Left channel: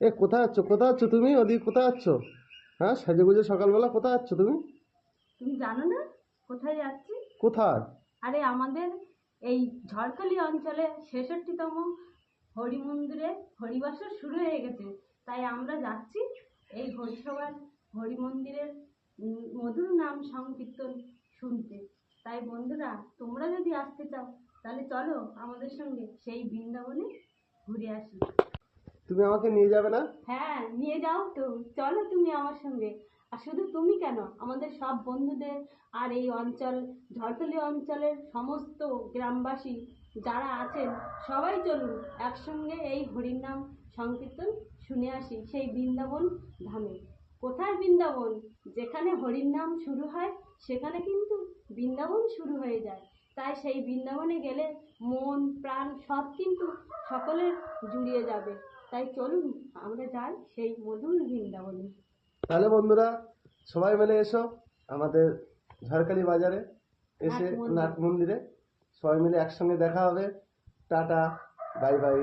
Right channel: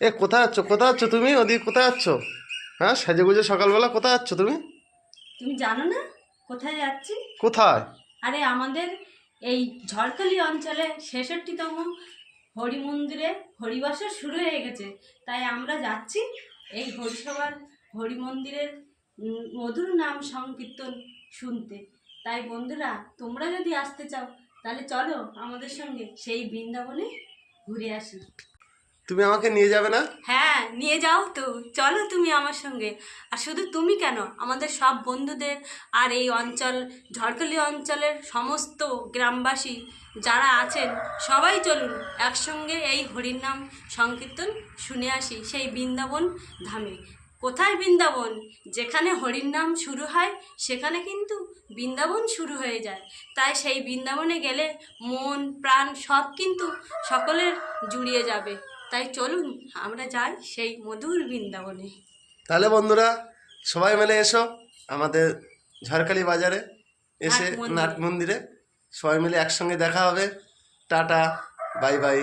এ কোথায় আছো কোথায় আছো তুমি? ওদিকে কোথায় আছো হ্যাঁ সেজে গুজে সকালবেলা কোথায় আছো তুমি? তুমি জানো না? কোথায় যাচ্ছি? কোথায়? আরে আমাদের এই ঝড়খালি অঞ্চলে ছেষট্টিতম হরি মন্দিরে হরিবাসর শুরু হয়ে গেছে। তাই আমরা যাচ্ছি এই হরিসভার হরি মন্দিরের মধুর নাম সংকীর্তন শুনতে। তাই বন্ধুরা তোমরা যদি আসতে চাও তাহলে চলো আমাদের সঙ্গে সেই বৃন্দাবনে ঘুরে আসি। তুমি আমাকে নিয়ে যাবে না? হ্যাঁ নিয়ে যাও তো। চলো তুমি আমার সঙ্গে। আর শুধু তুমি কেন? আমাদের সব বন্ধুদের আর এই অঞ্চল, ঝড়খালি অঞ্চলের সমস্ত গ্রামবাসী যারা আছেন, সবাই চলুন একসঙ্গে এই হরির নাম সংকীর্তন শুনে আসি, সেই বৃন্দাবন ধামে। কোথায় বৃন্দাবন? যেখানে হরির নাম শুরু হয়, সেখানে কিন্তু বৃন্দাবন শুরু হয়ে যায়। তাই সেই বৃন্দাবনে গেলে মন, প্রাণ সব কিন্তু সকলের জুড়িয়ে যাবে। তাই চলুন আমরা যাই সেই মধুর বৃন্দাবনে। তাহলে বন্ধুরা সবাই মিলে এসো আমাদের ঝড়খালি বাজারে এসে নাট মন্দিরে সবাই মিলে একসঙ্গে দেখা হবে। Tata bye bye.